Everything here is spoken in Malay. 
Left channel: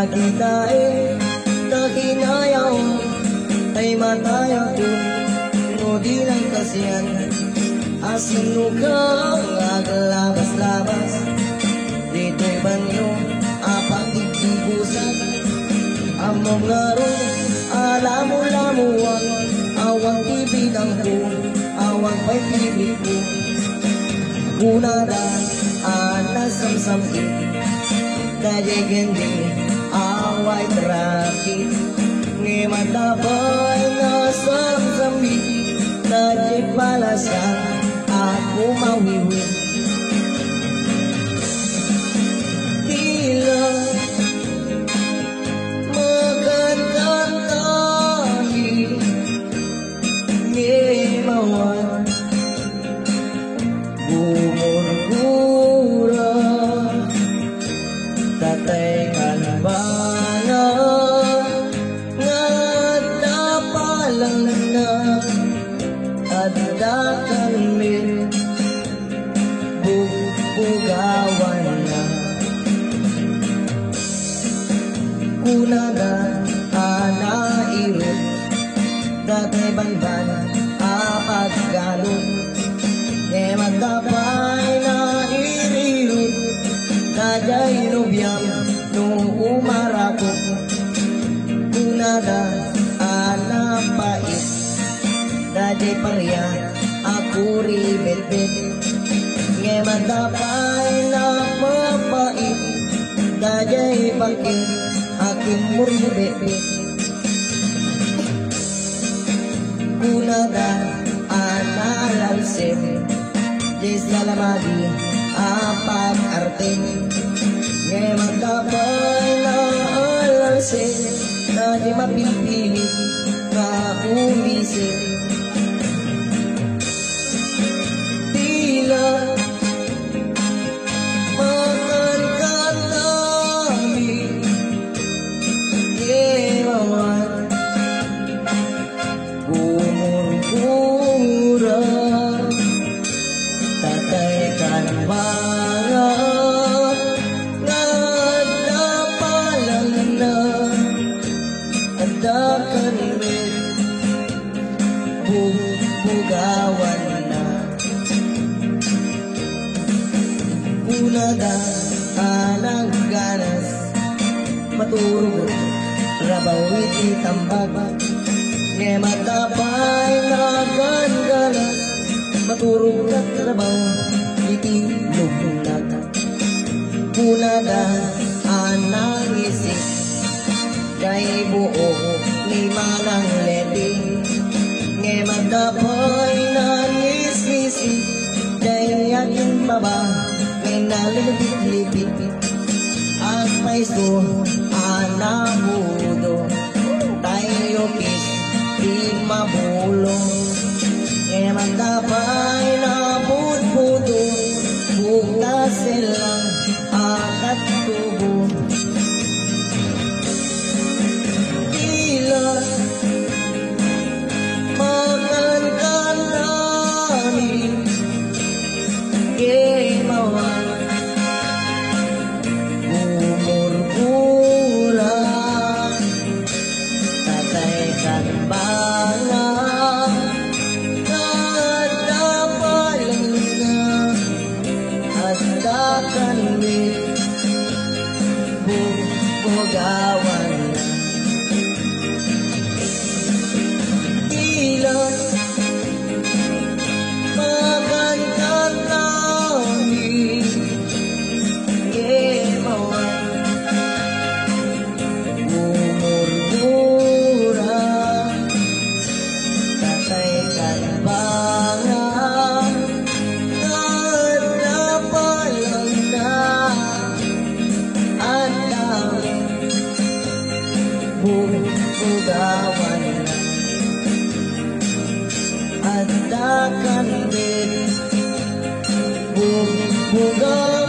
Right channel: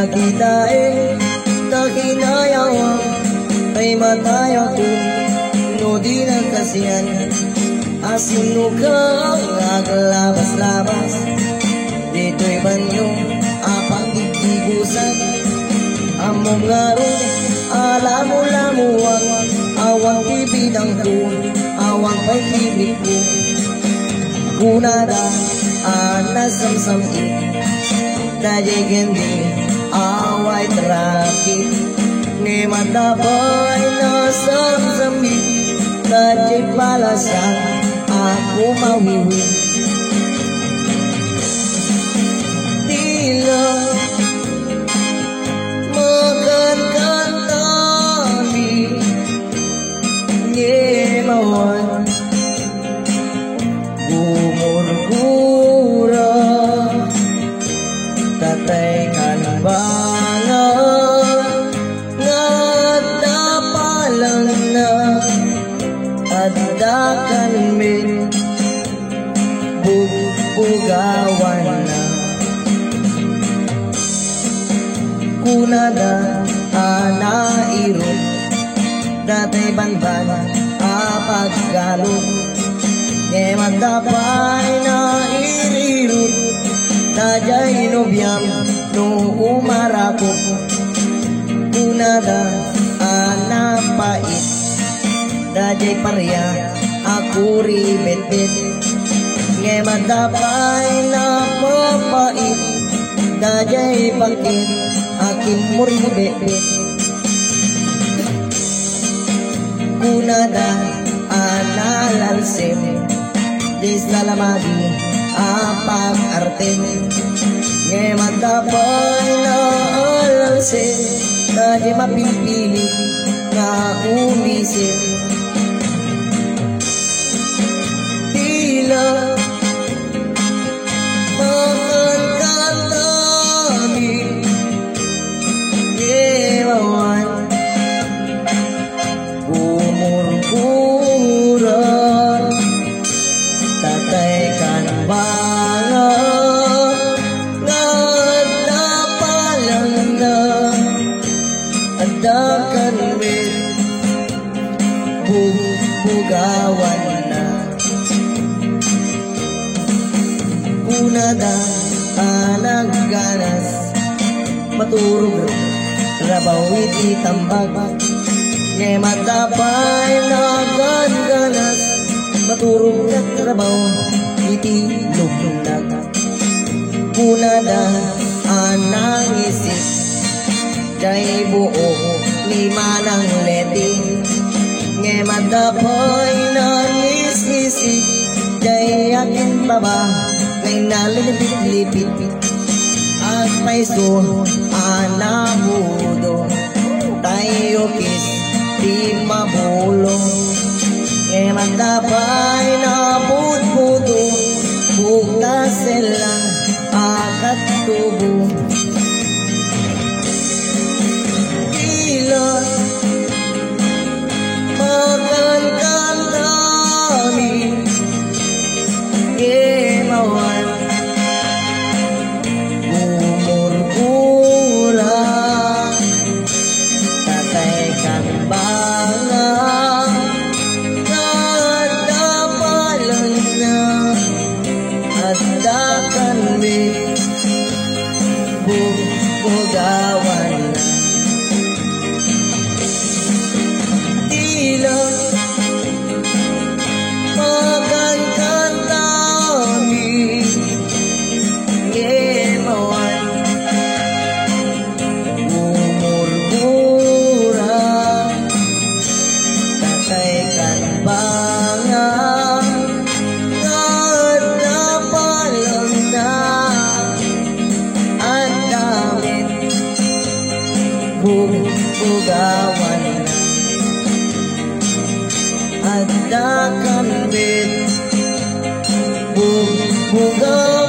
Kakitain, kakinayawang, ay matayo kung nudi ng kasiyan. Asino kang naglabas-labas, dito'y banyong apag-ibusan. Among ngaro, alamu-lamuang, awang bibidang ko, awang pag-ibig ko. Kunada, nasamsamit, dajay kendi, away traffic. Ni matapay nasamsamit, dajay palasan, ako mawiwi. Tila magkantantami, ngimawan gumurgura, tatay kanbangan natapalang na adakan min bugbugawan na. Kunada anairot, datay banban apaggalog. Magdapay na irirot, dajay nobyam no umarapok. Kunada anapait, dajay pareya ako ribet-bet. Magdapay na papait, dajay pangkin akin mo ribet-bet. Kunada analalsim, dis lalamagi apag-arte. Ngayon magdapay na alalsin, na di mapipili na umisin. Tila magkantantami, ngimawan gumurgura, tatay kanbangan natapalang na adakan min bugbugawan na. Kunada nagganas, maturog labaw iti tambag. Ngayon magdapay nagganas, maturog na trabaw iti lugnat. Kunada anangisip, jay buong limanang leti. Ngayon magdapay nangisisip, jay akin baba may nalilipit-lipit. At may sun anamudo, tayo kis di mabulong. Ngayon magdapay na budbudo, bugnas silang akat tubo. Tila magkantantami, ngimawan gumurgura, tatay kanbangan natapalang na adakan min bugbugawan na. Tila magkantantami, ngimawan gumurgura, tatay kanbangan natapalang na adamin bugbugawan na. Adakan min bugbugawan